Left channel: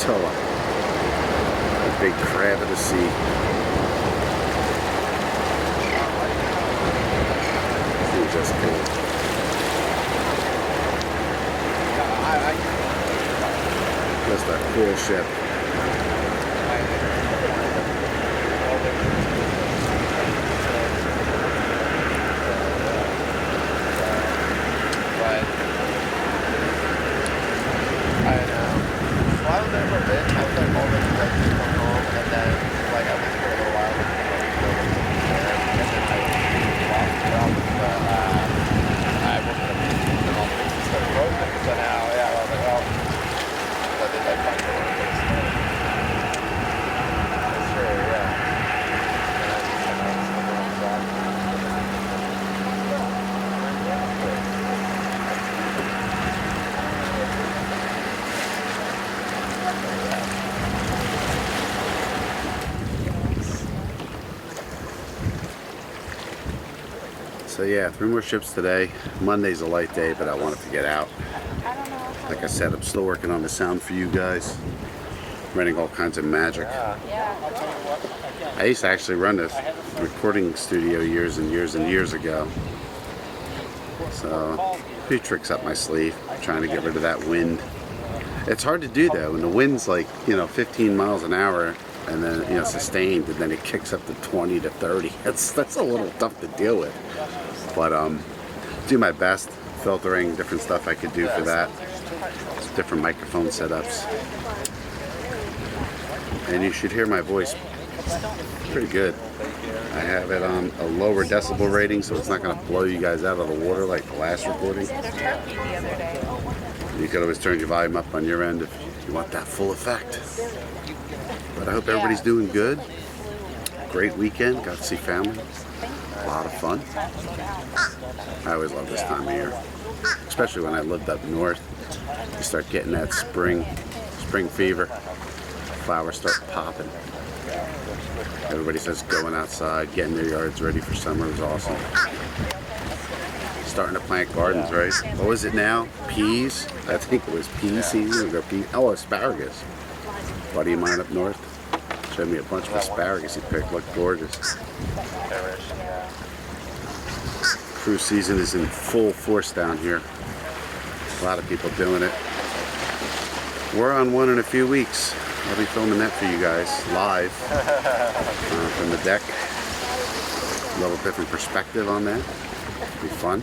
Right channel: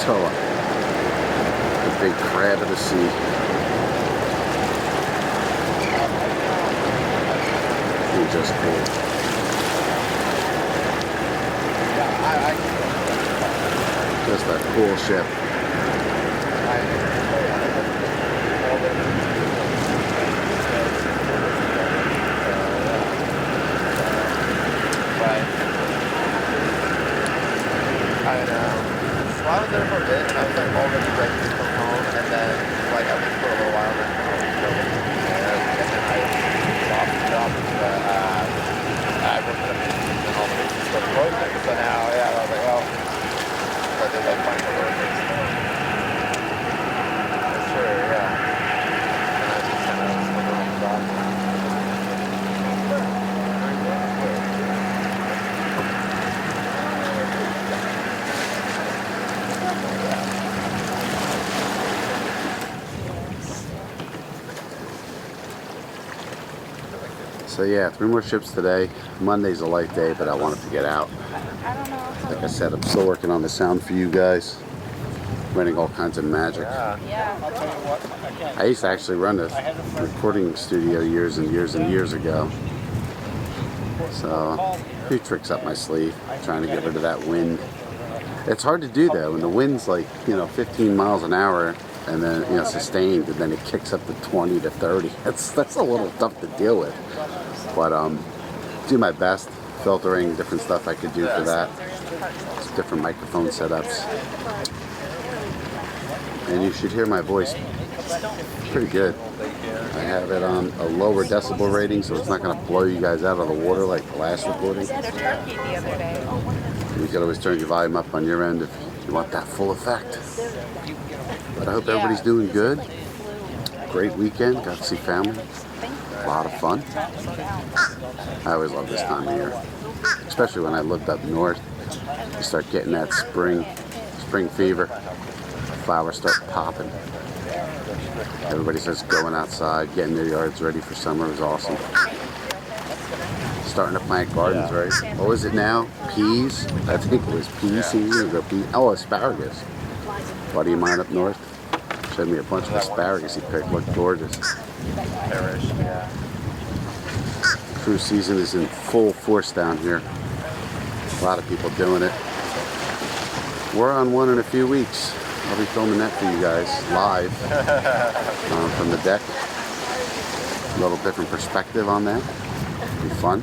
Tamatoa, the big crab of the sea. It's just cool. Just a cool ship. So yeah, 3 more ships today. Monday's a light day, but I wanted to get out. Like I said, I'm still working on the sound for you guys. Running all kinds of magic. I used to actually run this recording studio years and years and years ago. So, a few tricks up my sleeve. Trying to get rid of that wind. It's hard to do though, when the wind's like, 15 miles an hour and then, sustained, and then it kicks up to 20 to 30. That's a little tough to deal with. But do my best, filtering, different stuff I could do for that. Just different microphone setups. And you should hear my voice pretty good. I have it on a lower decibel rating, so it's not going to blow you guys out of the water like the last recording. You can always turn your volume up on your end if you want that full effect. But I hope everybody's doing good. Great weekend, got to see family. A lot of fun. I always love this time of year, especially when I lived up north. You start getting that spring fever. Flowers start popping. Everybody says going outside, getting their yards ready for summer is awesome. Starting to plant gardens, right? What was it now? Peas? I think it was pea season. Oh, asparagus. A buddy of mine up north showed me a bunch of asparagus he picked. Looked gorgeous. Cruise season is in full force down here. A lot of people doing it. We're on one in a few weeks. I'll be filming that for you guys live from the deck. A little different perspective on that. It'll be fun.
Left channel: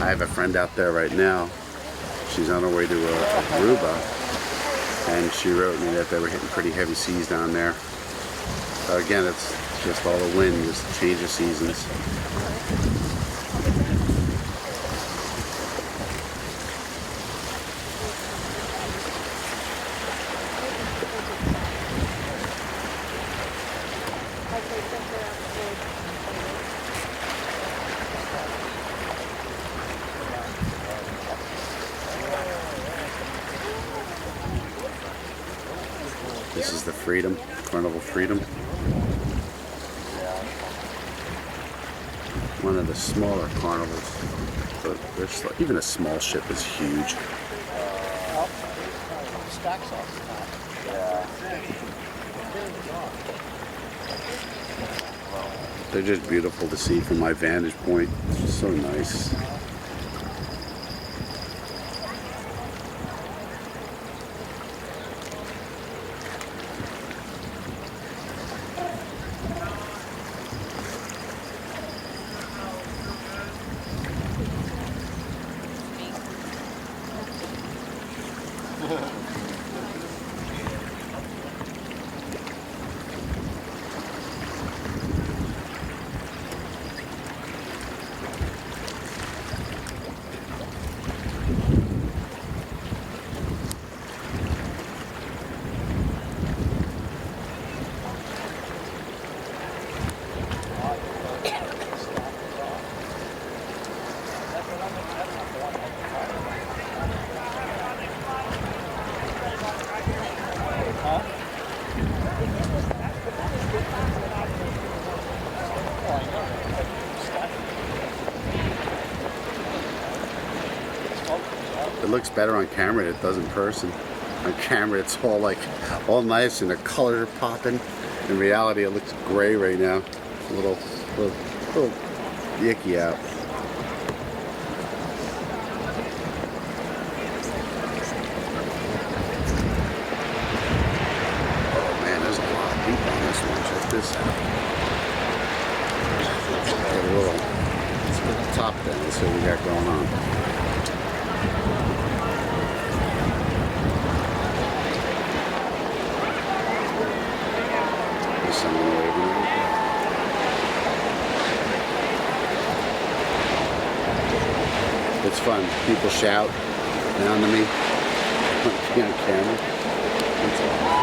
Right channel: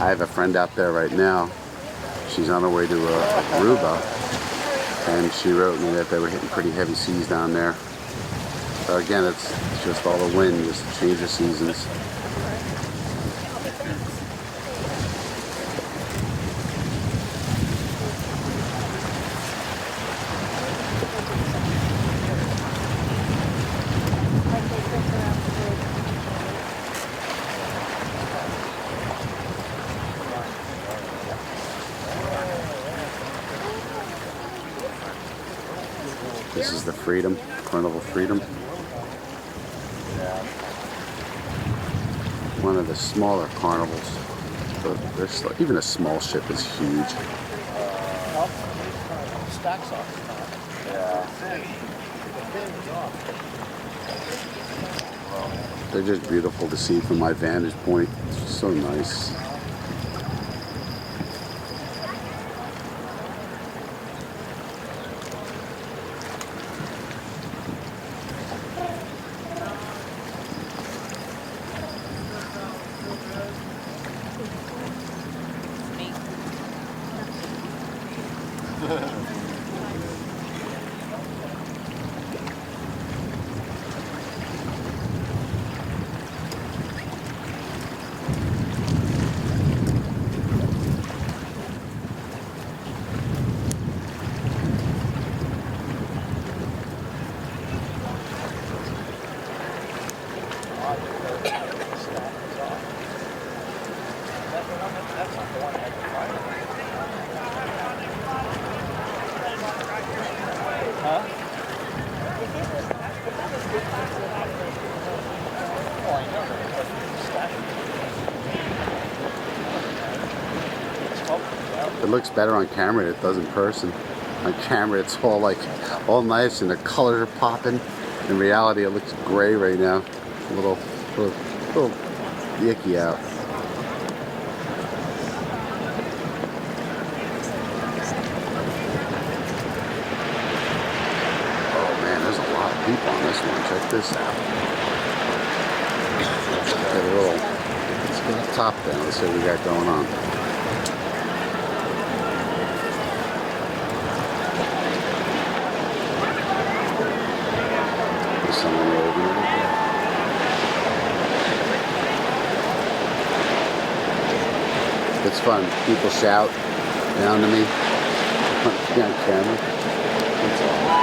I have a friend out there right now. She's on her way to Aruba, and she wrote me that they were hitting pretty heavy seas down there. So again, it's just all the wind, just the change of seasons. This is the Freedom, Carnival Freedom. One of the smaller carnivals, but even a small ship is huge. They're just beautiful to see from my vantage point. It's so nice. It looks better on camera than it does in person. On camera it's all like, all nice and the colors are popping. In reality it looks gray right now. It's a little icky out. Oh man, there's a lot of people on this one. Check this out. Let's get the top down. Let's see what we got going on. There's someone waving right there. It's fun. People shout down to me on camera. It's awesome.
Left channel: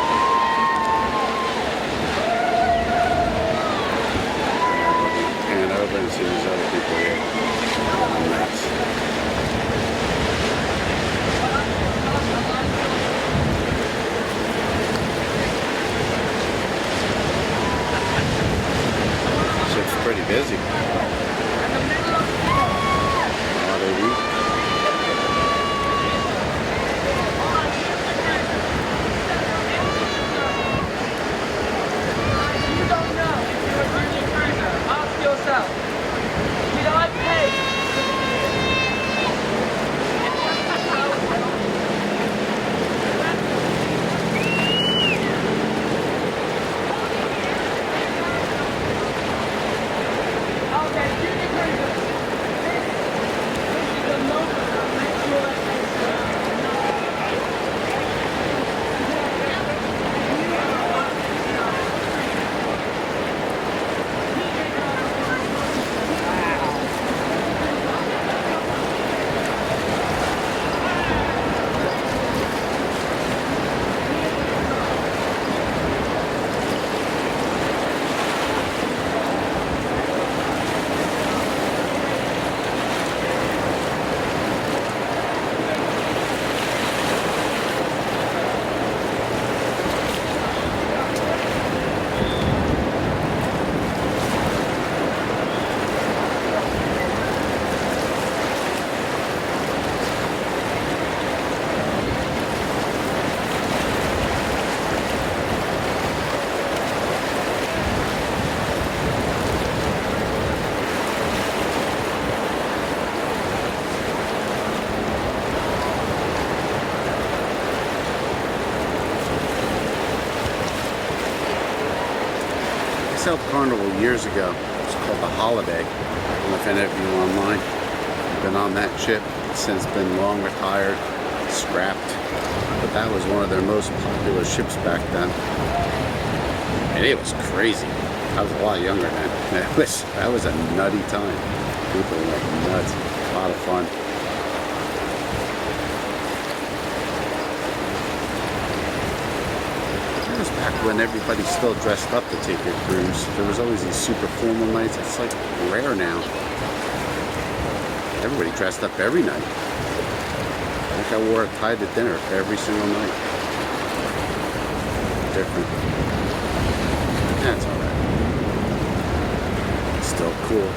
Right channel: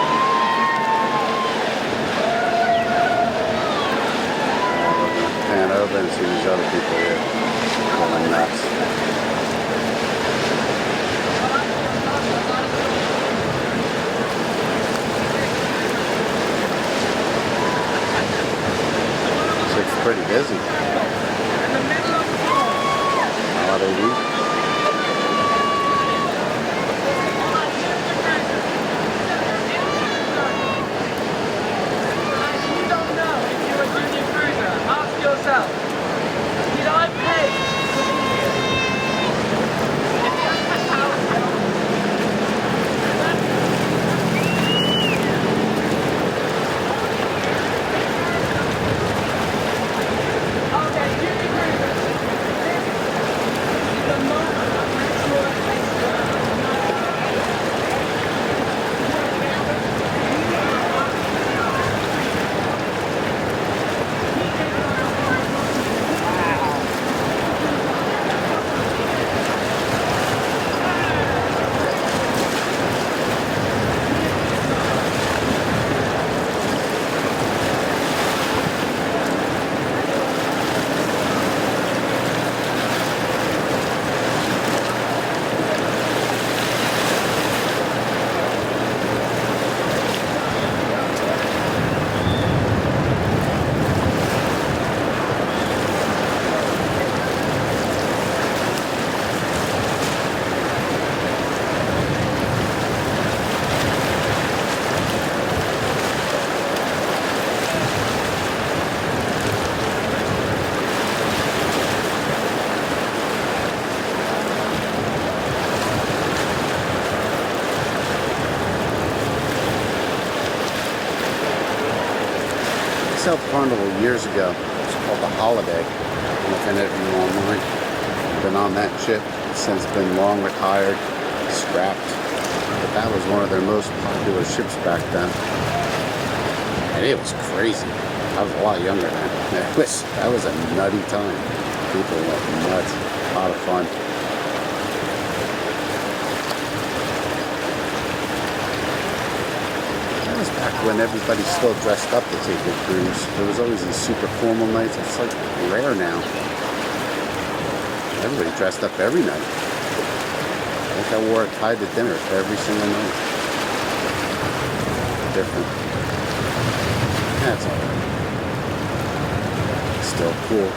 Pan over and see these other people here going nuts. It's pretty busy. Holiday week. South Carnival years ago. It's called the Holiday. I don't know if any of you online have been on that ship. It's since been long retired, scrapped. But that was one of their most popular ships back then. And it was crazy. I was a lot younger then. That was a nutty time. People went nuts. A lot of fun. That was back when everybody still dressed up to take a cruise. There was always these super formal nights. It's like rare now. Everybody dressed up every night. I think I wore a tie to dinner every single night. Different. That's alright. Still cool.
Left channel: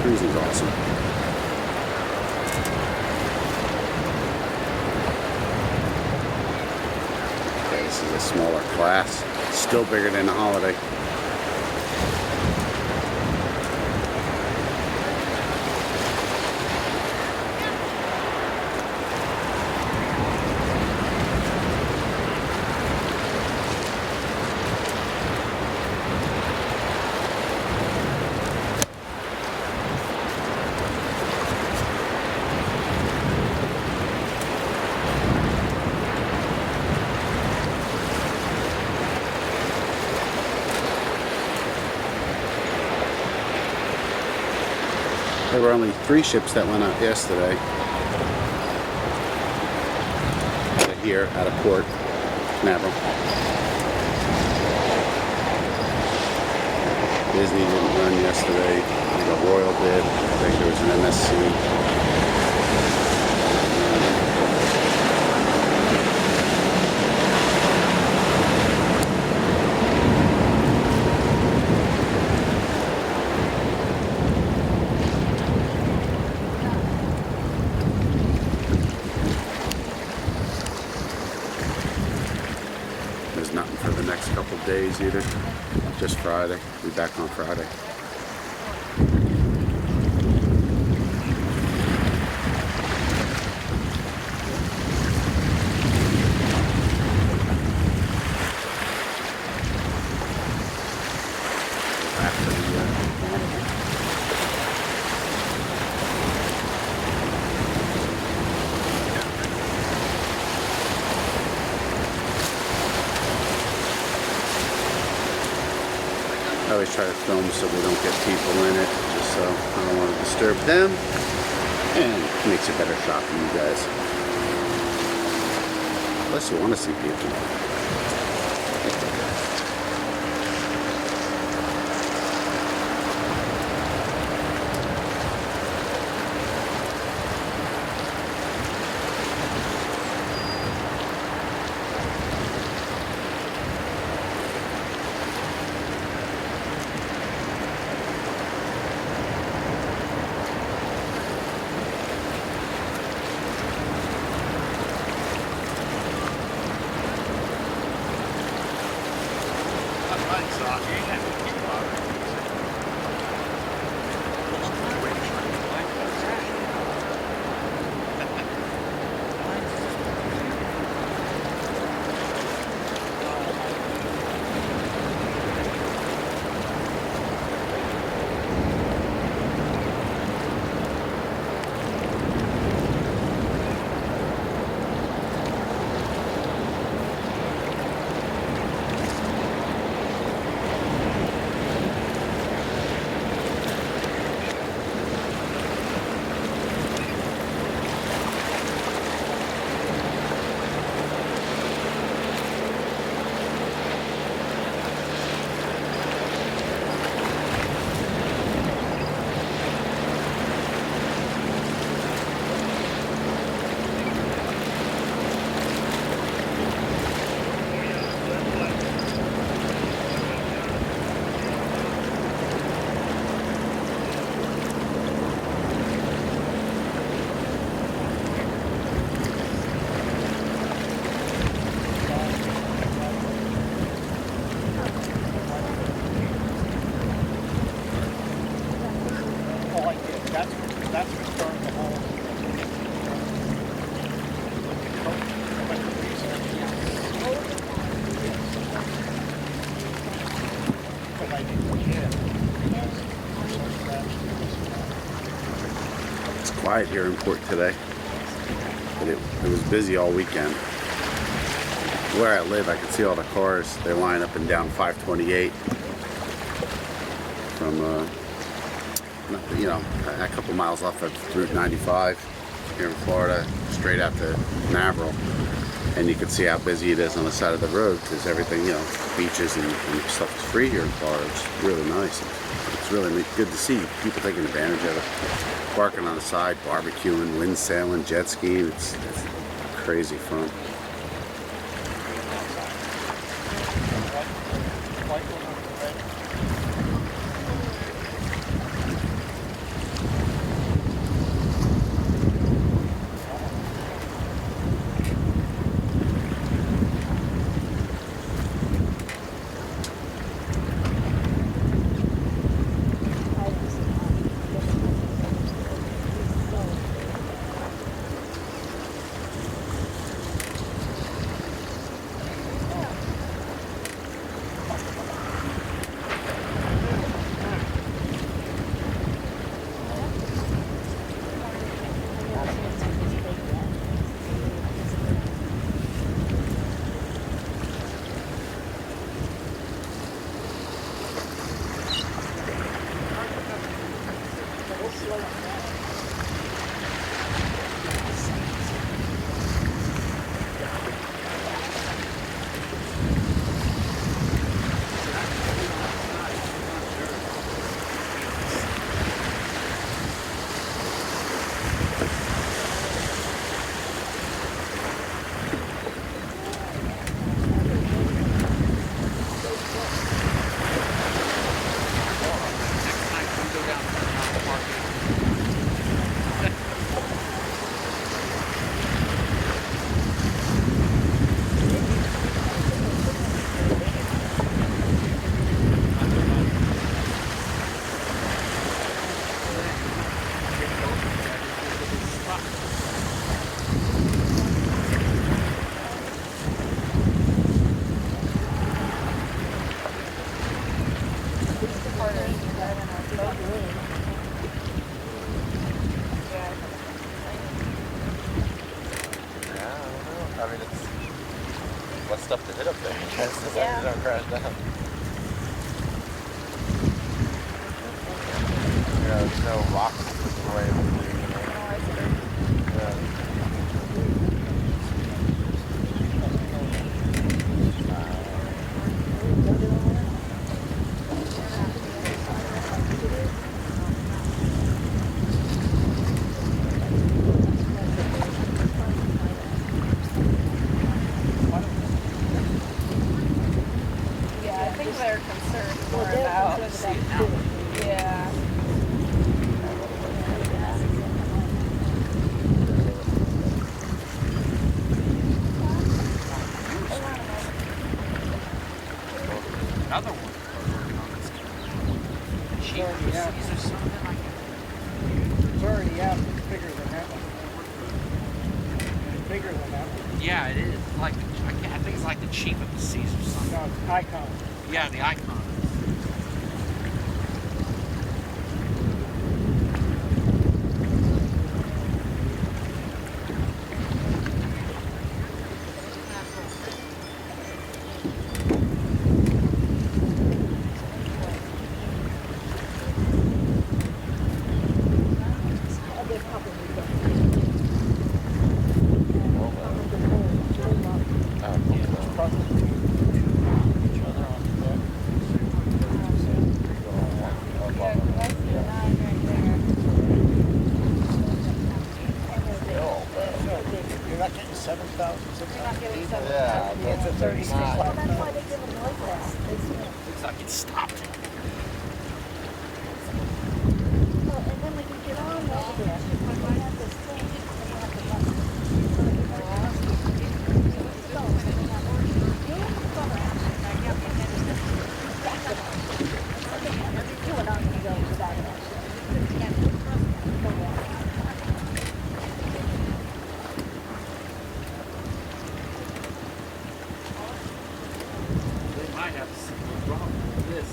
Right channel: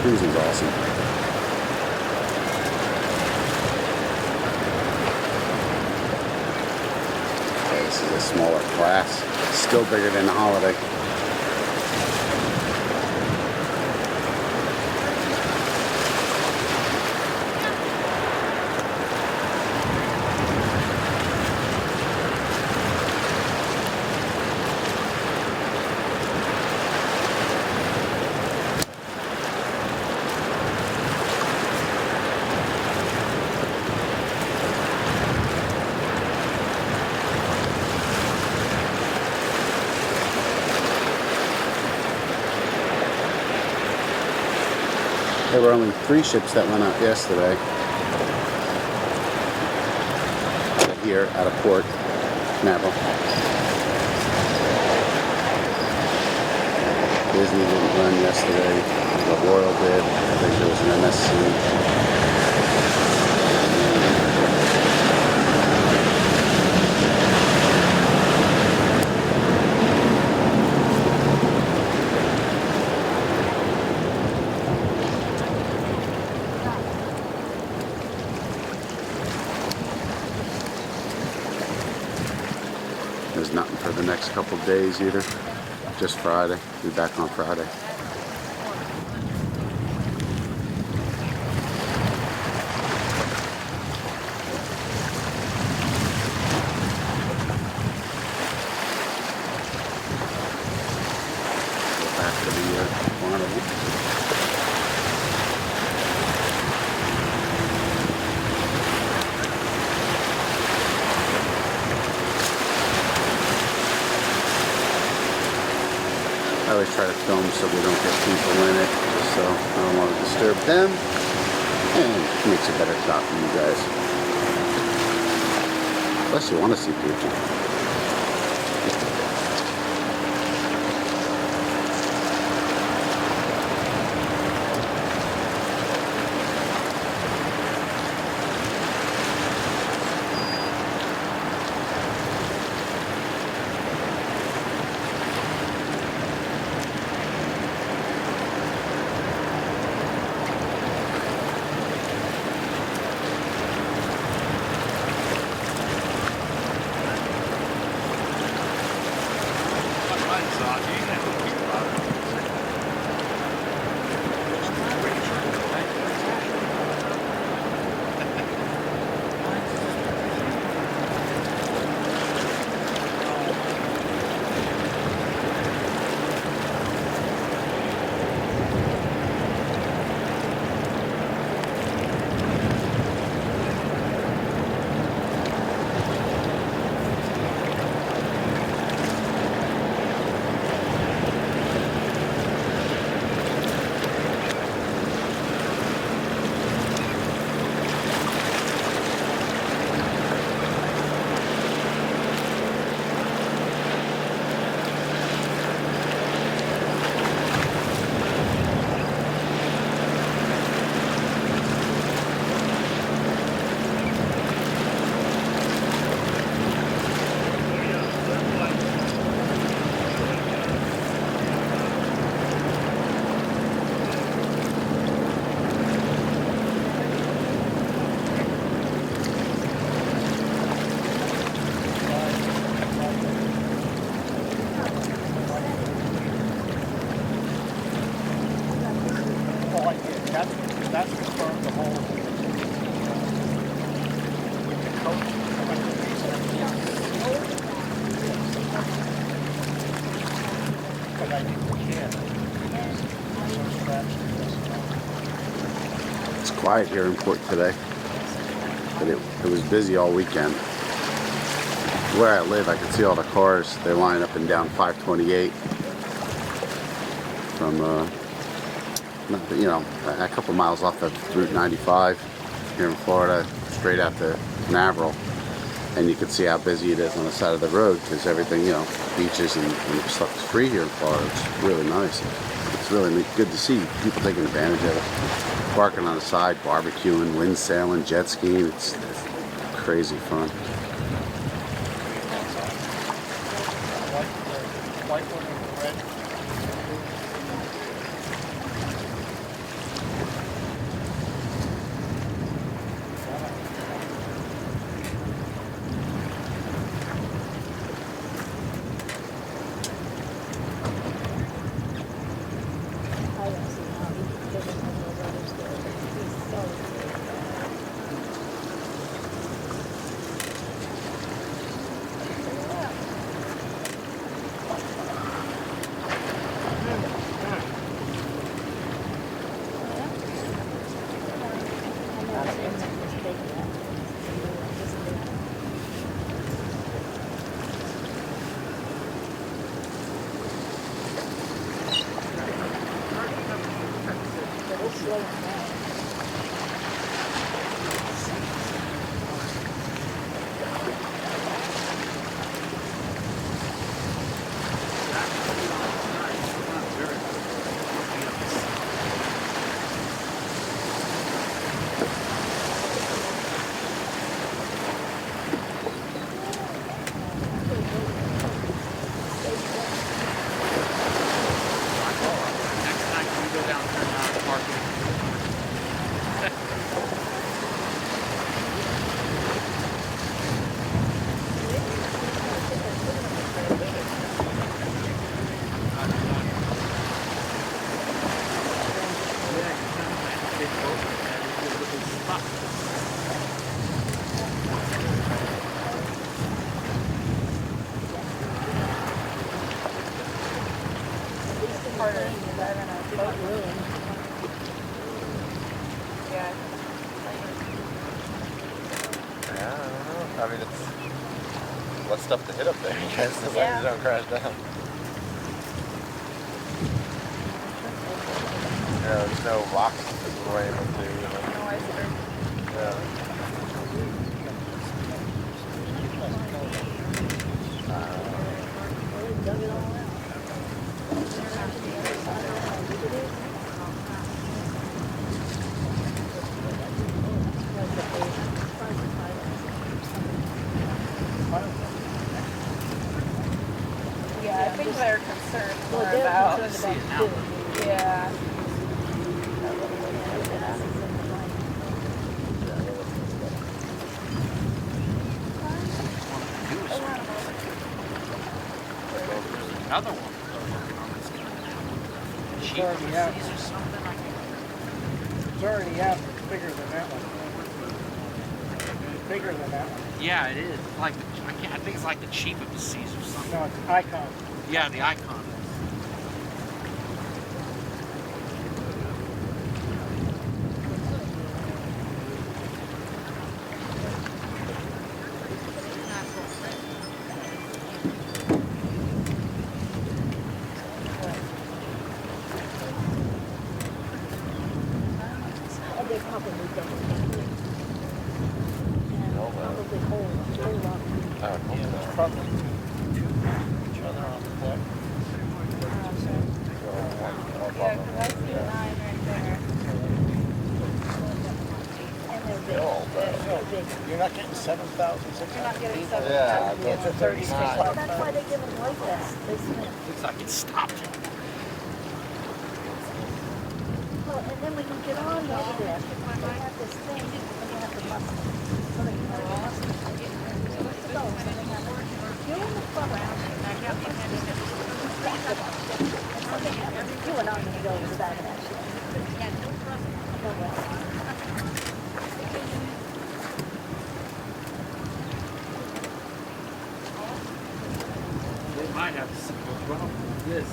Cruising's awesome. Okay, this is a smaller class. Still bigger than the Holiday. There were only 3 ships that went out yesterday. Out of here, out of port, Canaveral. Disney didn't run yesterday. I think a Royal did. I think there was an MSC. couple days either. Just Friday. Be back on Friday. Go back to the Carnival. I always try to film so we don't get people in it, just so I don't want to disturb them, and it makes a better shot for you guys. Unless you want to see people. Quiet here in port today, but it was busy all weekend. Where I live, I can see all the cars. They line up and down 528 from a couple miles off of Route 95 here in Florida, straight out to Canaveral, and you can see how busy it is on the side of the road because everything, beaches and stuff is free here in Florida. It's really nice. It's really good to see people taking advantage of it. Parking on the side, barbecuing, wind sailing, jet skiing. It's crazy fun. Go down Carnival Park. stuff to hit up there. So that you don't crash down. Yeah, there's no rocks right in here, you know. Yeah. Yeah, I think they're concerned more about too. Yeah. Another one. It's already out. It's already out. It's bigger than that one. It's bigger than that one. Yeah, it is. Like I think it's like the chief of the seas or something. No, it's icon. Yeah, the icon. You're not getting 7,600 people. Yeah, It's a 36. Well, that's why they give them like that. Looks like it stopped. Well, and then when you get on over there, when they have this thing, and you have to bust it. So they can go and you're in the front of them, and you have to back it up. You and I'm going to go to that action. No way. They might have to see what's wrong with this.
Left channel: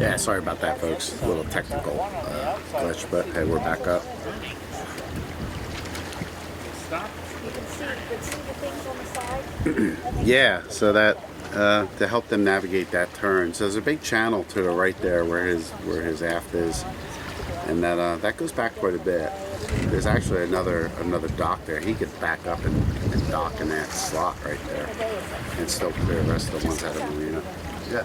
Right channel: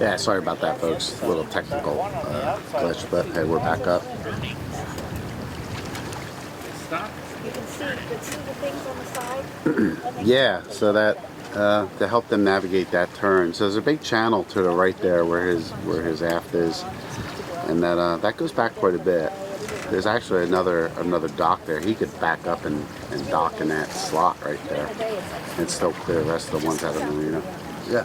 Yeah, sorry about that, folks. A little technical glitch, but hey, we're back up. You can see the things on the side. Yeah, so that to help them navigate that turn. So there's a big channel to the right there where his aft is, and that goes back quite a bit. There's actually another dock there. He could back up and dock in that slot right there, and still clear the rest of the ones out of the marina. Yeah.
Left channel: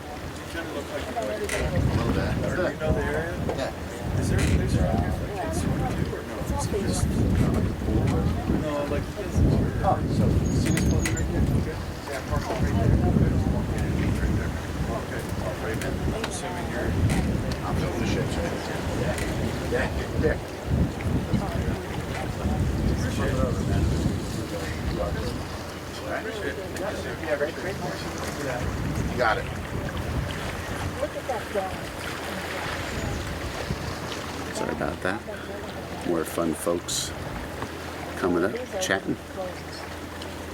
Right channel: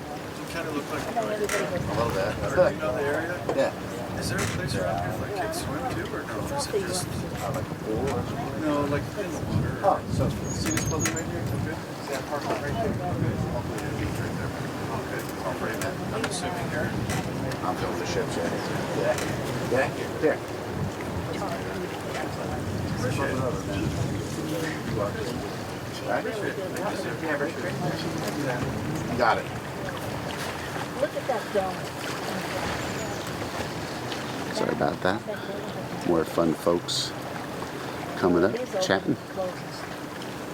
Kind of look like a little bit. Do you know the area? Yeah. Is there a place around here for kids swim too, or no? Is it just like a pool? Or? No, like. Oh, so see this building right here? Okay. See that parking lot right there? Okay. Beach right there. Okay. All right, man. I'm assuming you're. I'm filming the ship, Shay. Yeah. Yeah. There. Appreciate it. Right? Yeah, right there. You got it. Look at that dome. Sorry about that. More fun folks coming up, chatting.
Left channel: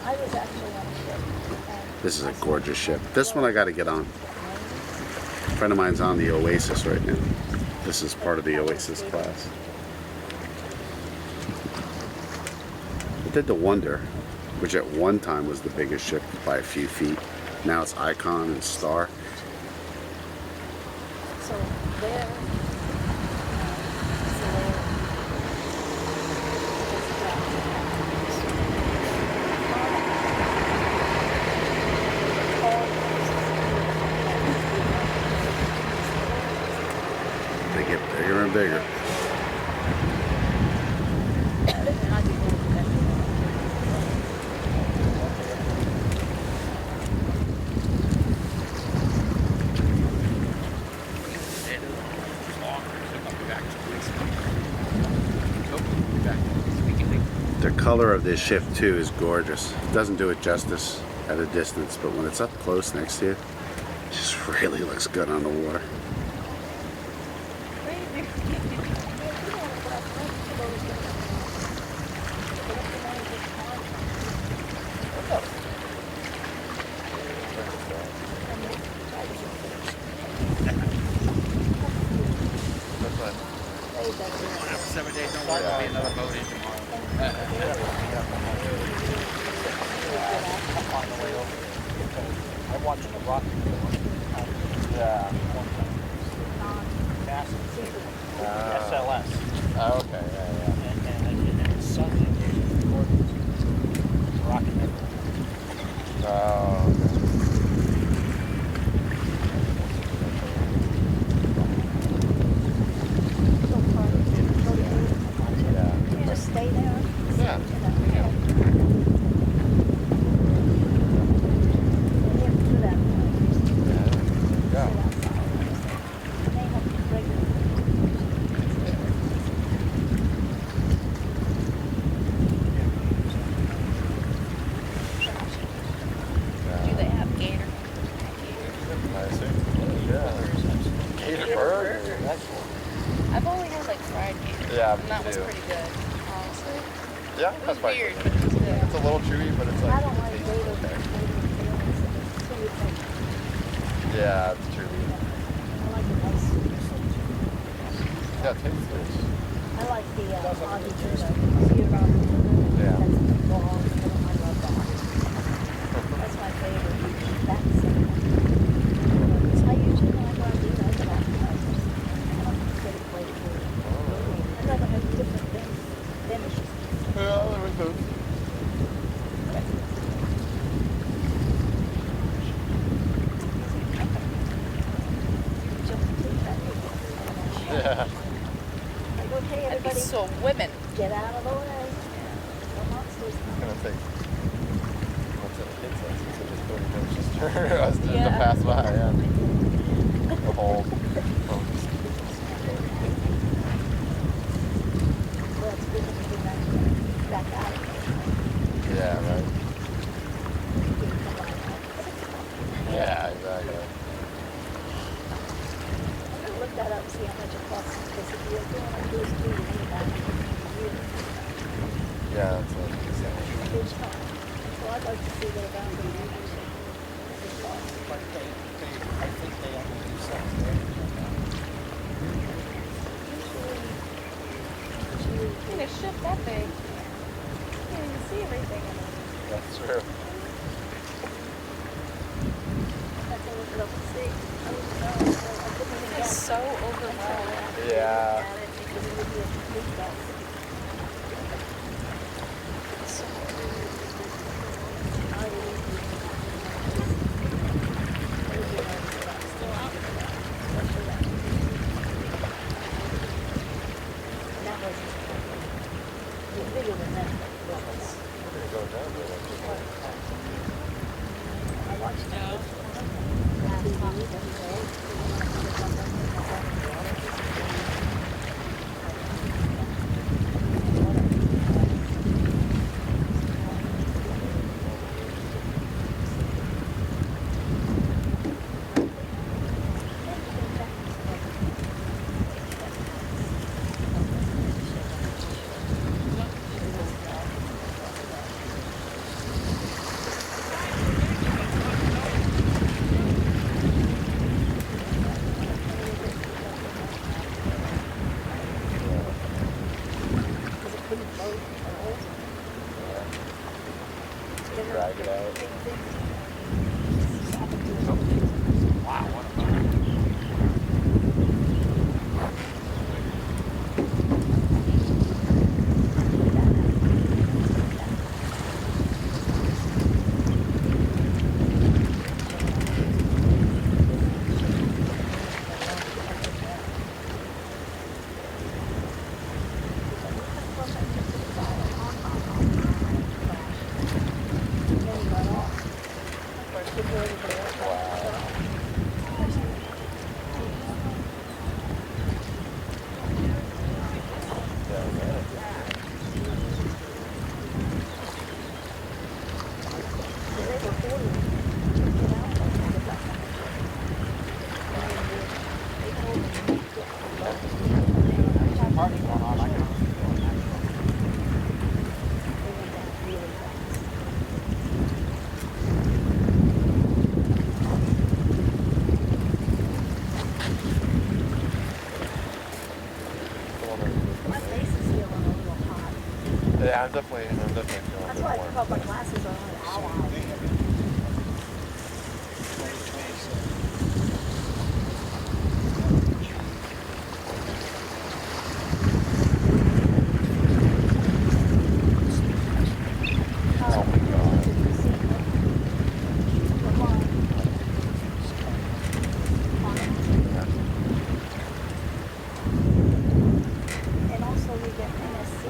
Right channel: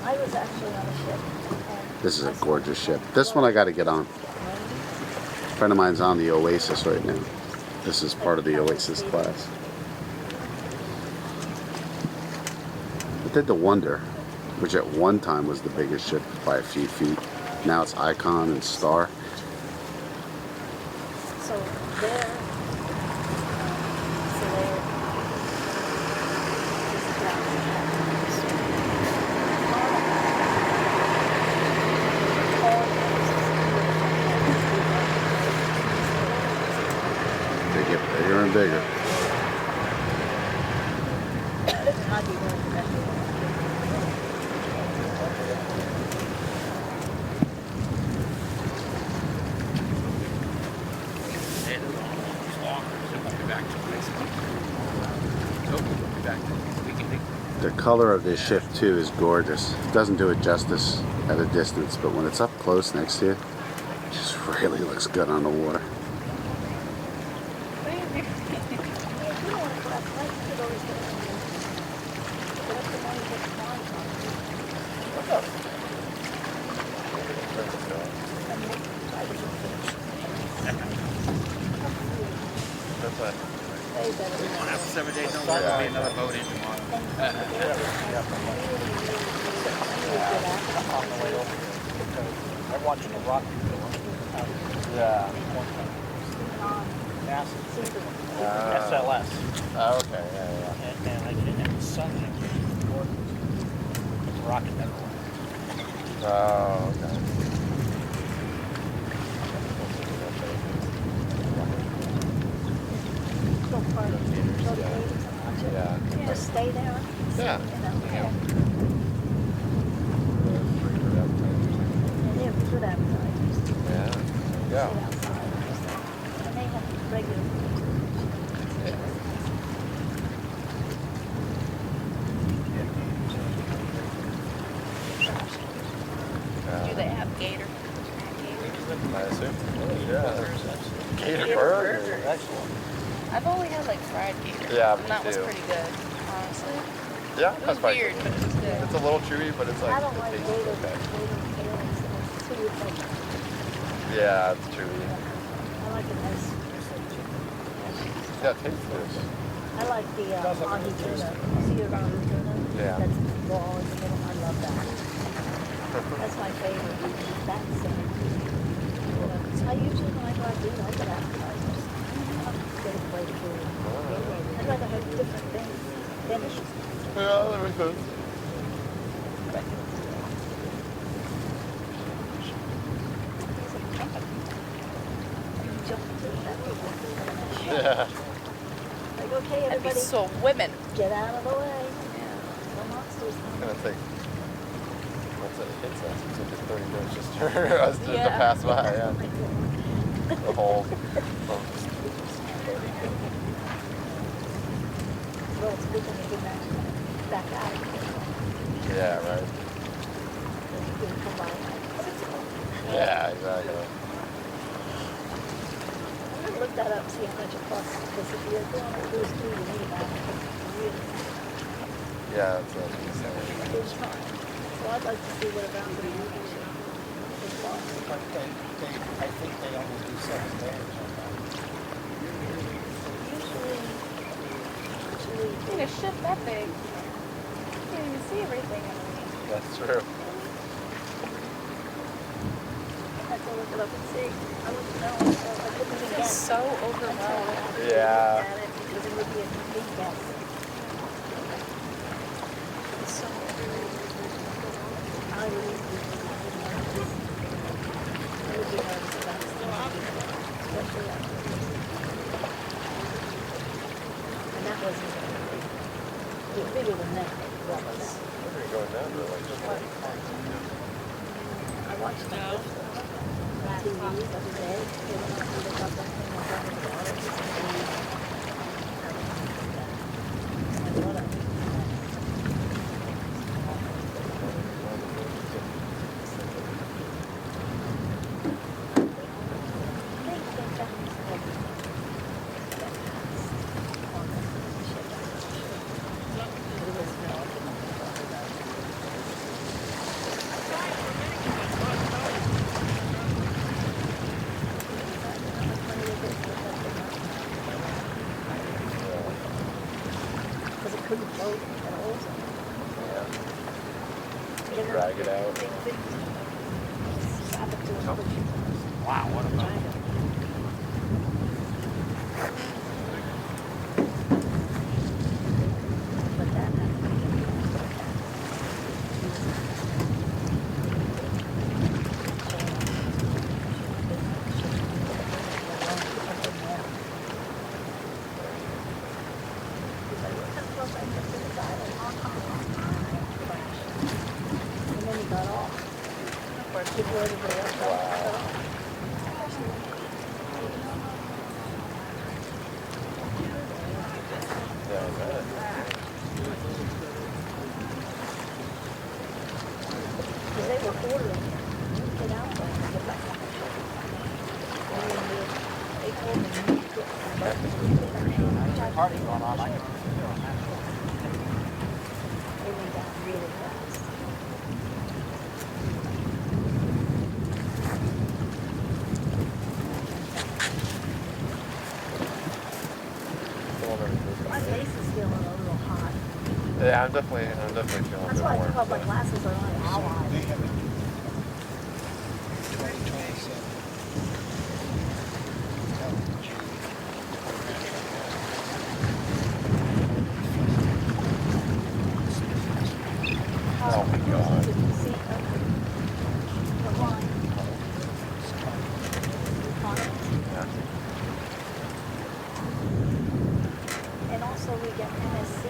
I was actually on a ship. This is a gorgeous ship. This one I got to get on. A friend of mine's on the Oasis right now. This is part of the Oasis class. I did the Wonder, which at one time was the biggest ship by a few feet. Now it's Icon and Star. So there. They get bigger and bigger. color of this ship too is gorgeous. It doesn't do it justice at a distance, but when it's up close next to you, it just really looks good on the water. I'm watching the rock. Yeah. SLS. Oh, okay, yeah. And I think it was something. It's rocket. Oh, okay. Just stay down. Yeah. Yeah. Do they have gator? I assume. Yeah. Gator burger. I've only had like fried gator. Yeah, And that me was too. pretty good, honestly. Yeah, It was that's fine. weird, but it was good. It's a little chewy, but it's like. I don't like it's gator, okay. but Yeah, it's chewy. I like the nice. Yeah, it tastes good. I like the Ahi tuna. Sea-around tuna. Yeah. That's the ball in the middle. I love that. That's my favorite. You eat that salmon. So I usually when I go out to eat, I go out to get a plate of food. I'd rather have different things than it's just Yeah, that makes sense. jump to that. Yeah. Like, okay, That'd be everybody, so women. get out of the way. No monsters. And it's like, what's it? It's like just 30 minutes just for us to Yeah. pass by. Yeah. The whole. Well, it's good when you get back out. Yeah, right. You can come by now. Yeah, exactly. I'm gonna look that up and see how much it costs, because if you're going to do it through, you need about Yeah, that's what she's saying. it's fine. So I'd like to see what about the users it costs. But I think they only do 6 days on that. Usually, In a ship that big, you can't even see everything. That's true. I have to look it up and see. I wouldn't know. I couldn't even It's guess. so overwhelming. Yeah. I watched that. Yeah, I'm definitely feeling That's a why bit I more. thought my glasses are on an hour. 2027. Oh my God. Did you see her? What line? On it? And also we got MSC.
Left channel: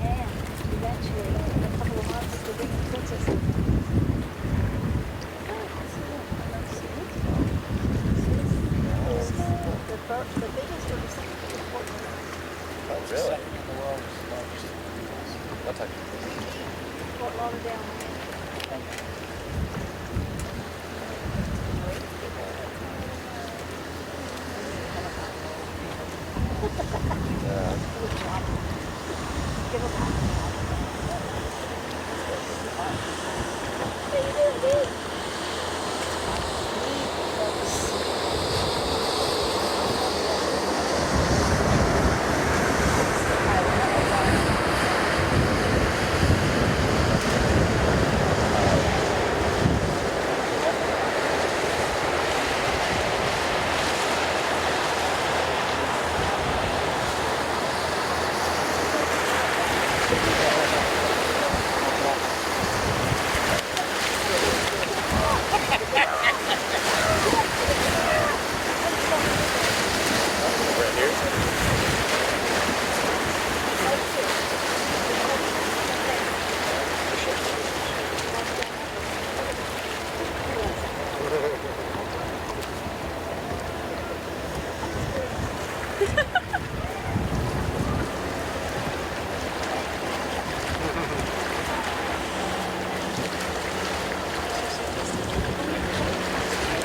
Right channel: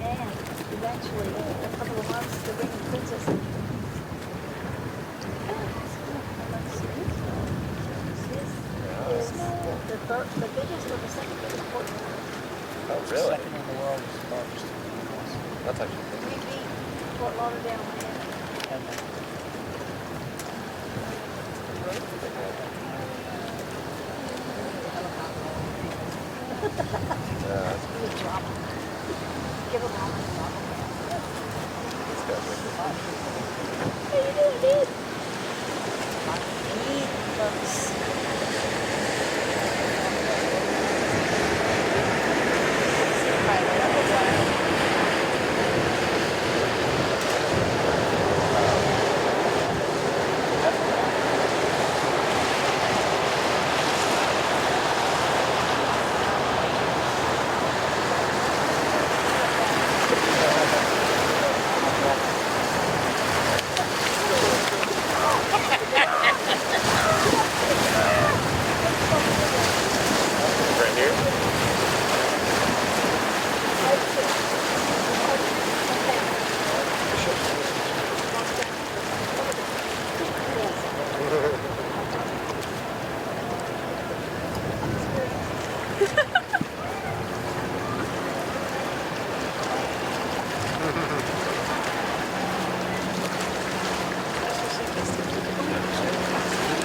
And eventually, in a couple of months, the big princess. The biggest or the second biggest port. Oh, really? Second in the world is the largest. That's actually pretty good. Fort Lauderdale. Yeah, Good job. Give her back. Hey, you did.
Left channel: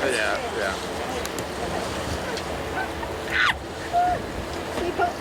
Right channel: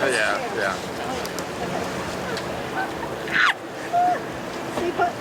Oh, yeah, yeah. See, but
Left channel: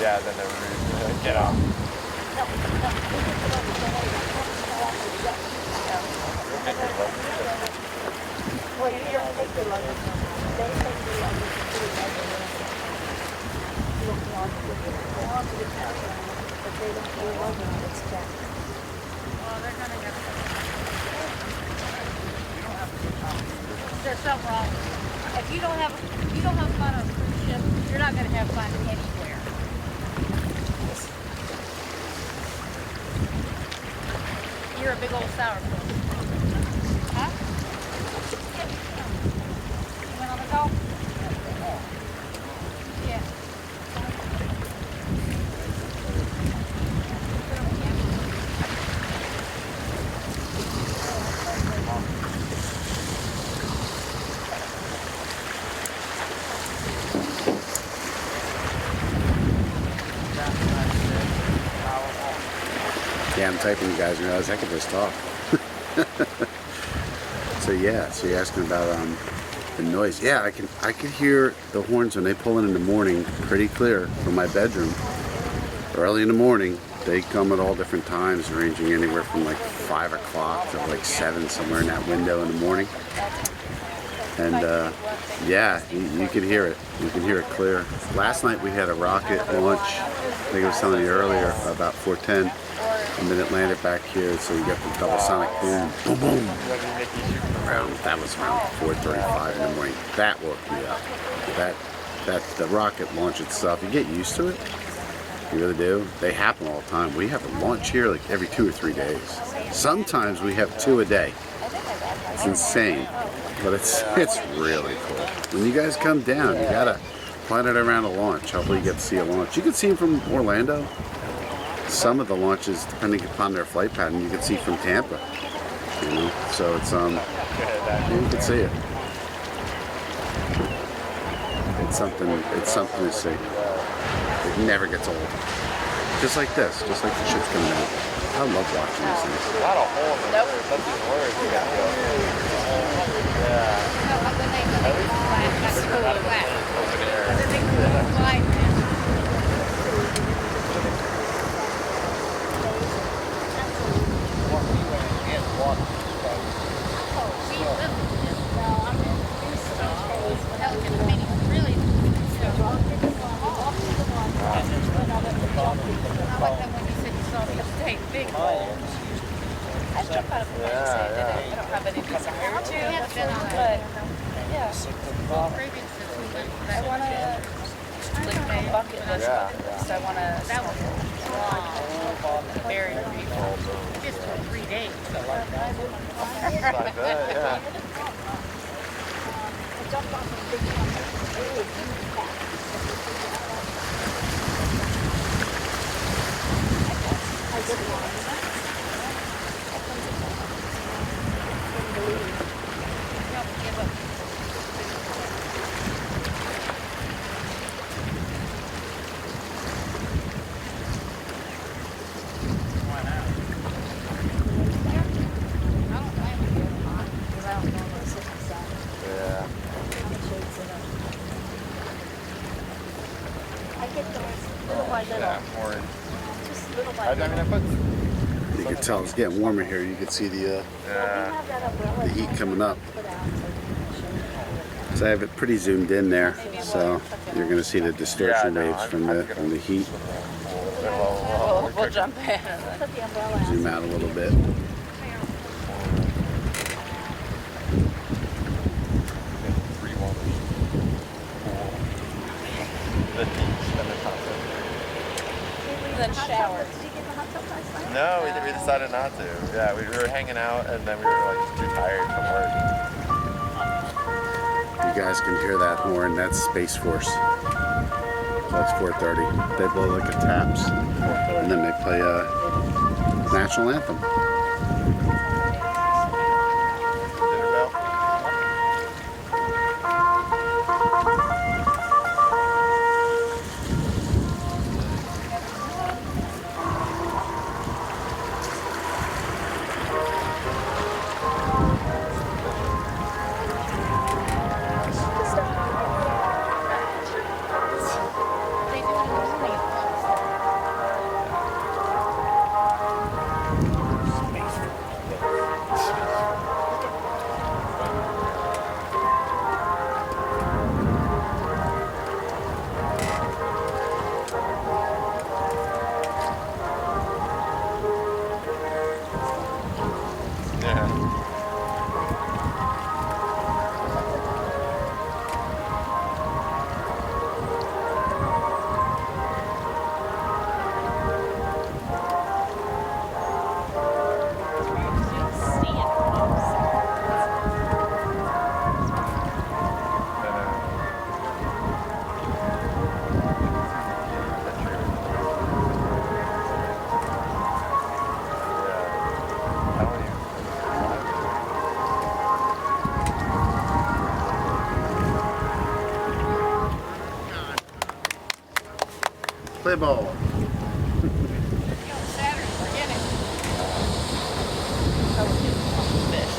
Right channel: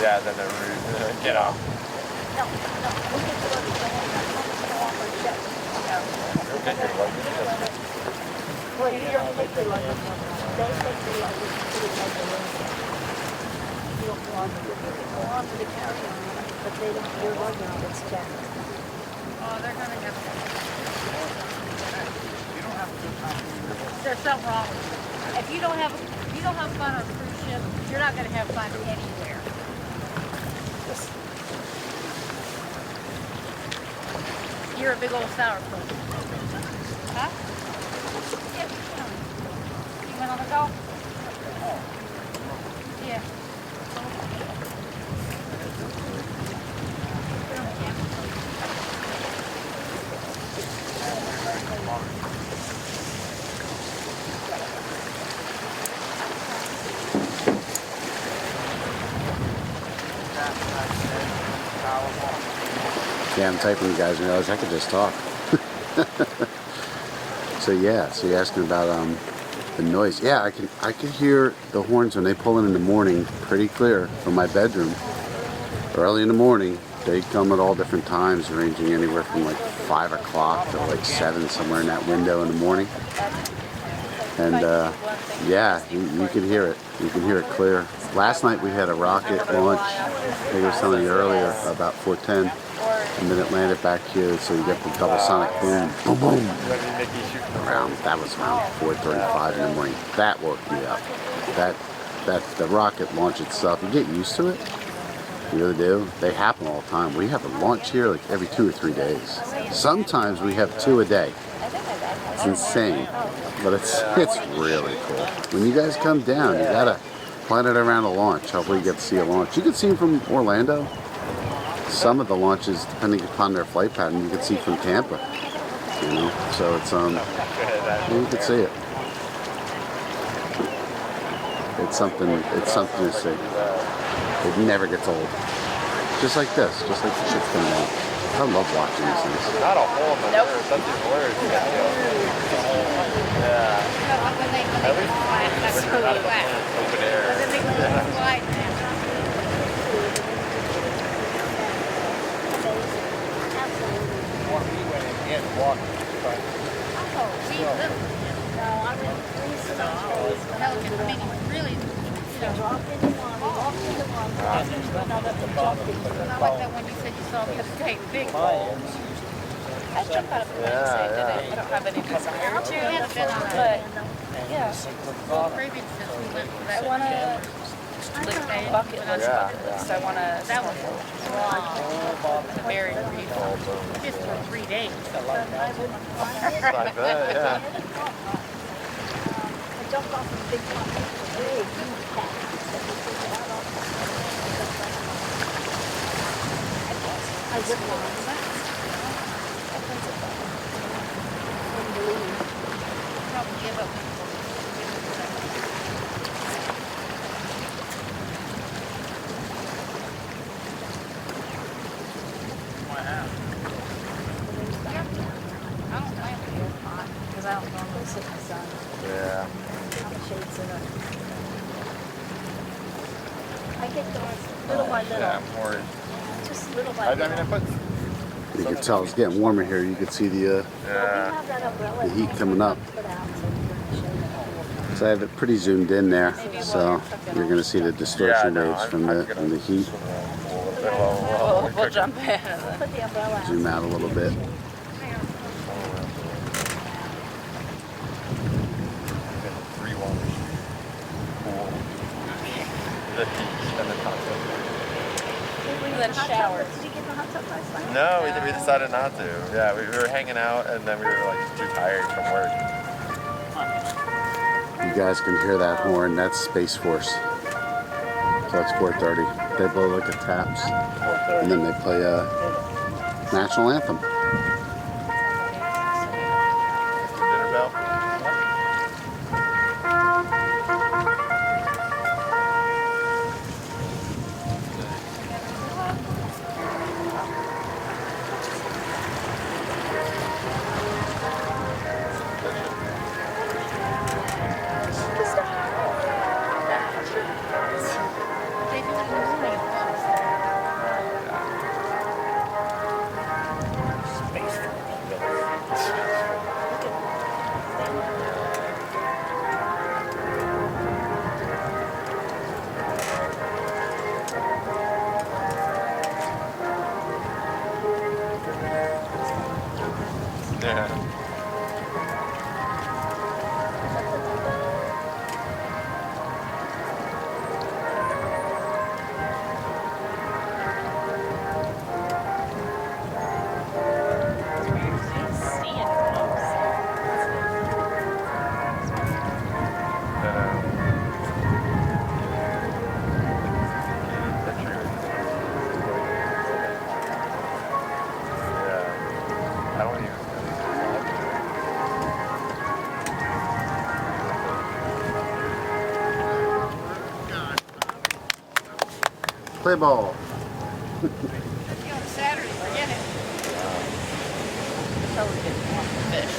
Yeah, then they're get off. Well, you don't look the luggage. Don't look the luggage. You don't want to get caravan, but they don't do luggage. It's checked. There's something wrong with you. If you don't have fun on a cruise ship, you're not going to have fun anywhere. You're a big old sourpuss. Huh? You went on the golf? Yeah. Yeah, I'm typing you guys and realize I could just talk. So yeah, so you're asking about the noise. Yeah, I could hear the horns when they pull in the morning pretty clear from my bedroom. Early in the morning, they come at all different times, ranging anywhere from like 5 o'clock to like 7, somewhere in that window in the morning. And yeah, you can hear it. You can hear it clear. Last night we had a rocket launch. I think I was telling you earlier about 4:10. And then it landed back here, so you get the double sonic boom, boom, boom. That was around 4:35 in the morning. That woke me up. The rocket launch itself, you get used to it. You really do. They happen all the time. We have a launch here like every 2 or 3 days. Sometimes we have 2 a day. It's insane, but it's really cool. When you guys come down, you gotta plan it around a launch. Hopefully you get to see a launch. You can see them from Orlando. Some of the launches, depending upon their flight pattern, you can see from Tampa. You know, so it's you can see it. It's something to see. It never gets old. Just like this, just like the ships coming down. I love watching these things. Not a hole in the earth. That's even worse. Yeah. At least when you're not in open air. Bucket list. So I want to. That was long. Very people. Just for 3 days. Not good, yeah. I did one. Yeah. Yeah, more. Just little by I mean, I put. You can tell it's getting warmer here. You can see the heat coming up. So I have it pretty zoomed in there, so you're going to see the distortion waves from the heat. We'll jump in. Zoom out a little bit. And then shower. No, we decided not to. Yeah, we were hanging out and then we were like just too tired from work. You guys can hear that horn. That's Space Force. So it's 4:30. They blow like a taps, and then they play a national anthem. Dinner bell? See it. Play ball. Saturday, forget it. Fish.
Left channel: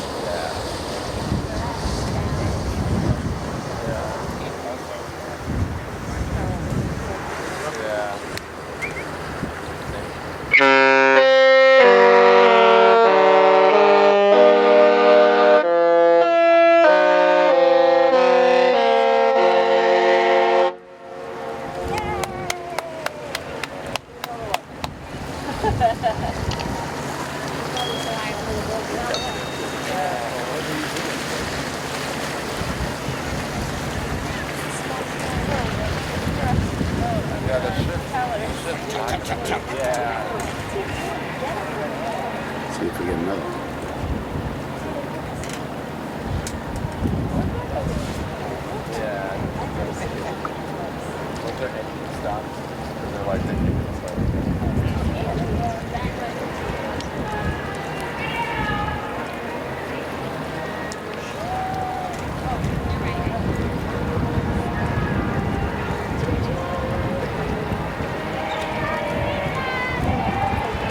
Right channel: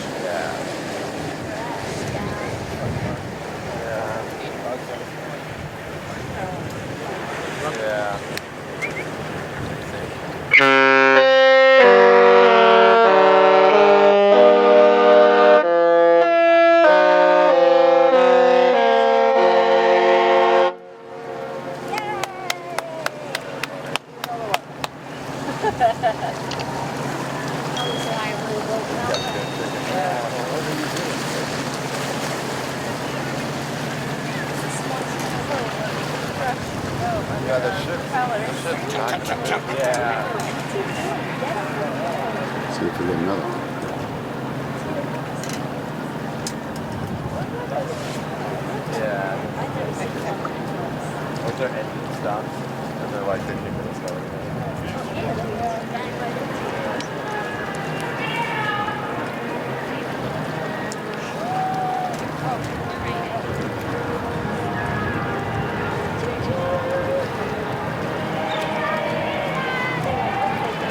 See if we get another one.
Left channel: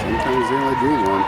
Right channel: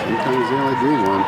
Sometimes they only do one.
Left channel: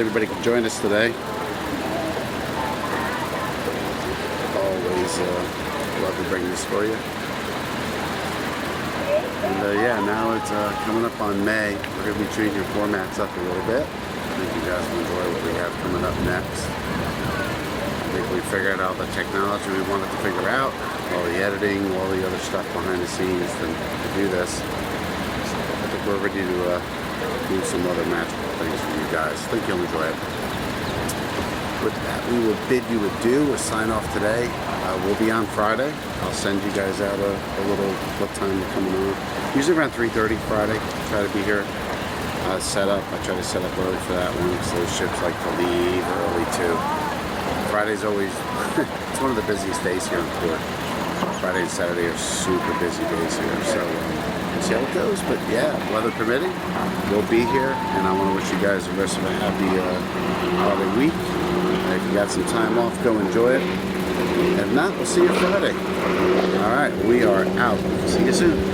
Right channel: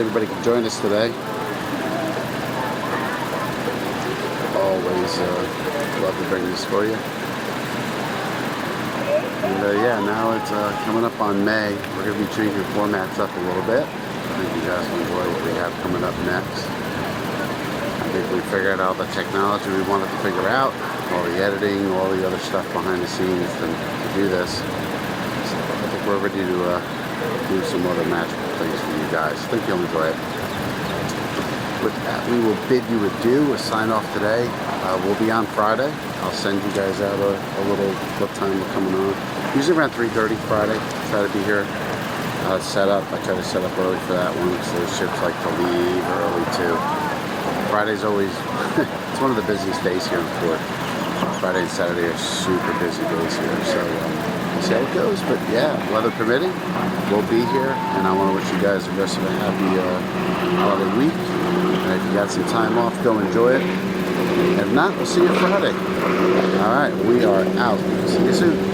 glad everybody could join us today. Always love to bring this for you. And yeah, now it's coming up on May. We're going to be changing formats up a little bit. I think you guys will enjoy what we have coming up next. I think we figured out the technology we wanted to figure out, all the editing, all the other stuff behind the scenes to do this. So I think we're ready to do some other magical things for you guys. I think you'll enjoy it. With that, we will bid you adieu. A sign off today. We'll be on Friday. I'll send you guys out a little what time we're coming on. Usually around 3:30 Friday. Try to be here. Set up. I try to set up early for that one because those ships like to leave early too. Friday's always it's one of the busiest days here in port. Friday and Saturday are super busy days here. So we'll see how it goes. But yeah, weather permitting, we'll be here. And I want to wish you guys the rest of a happy holiday week. If you got some time off, go enjoy it. If not, we'll see you Friday. All right, we are out. See you soon.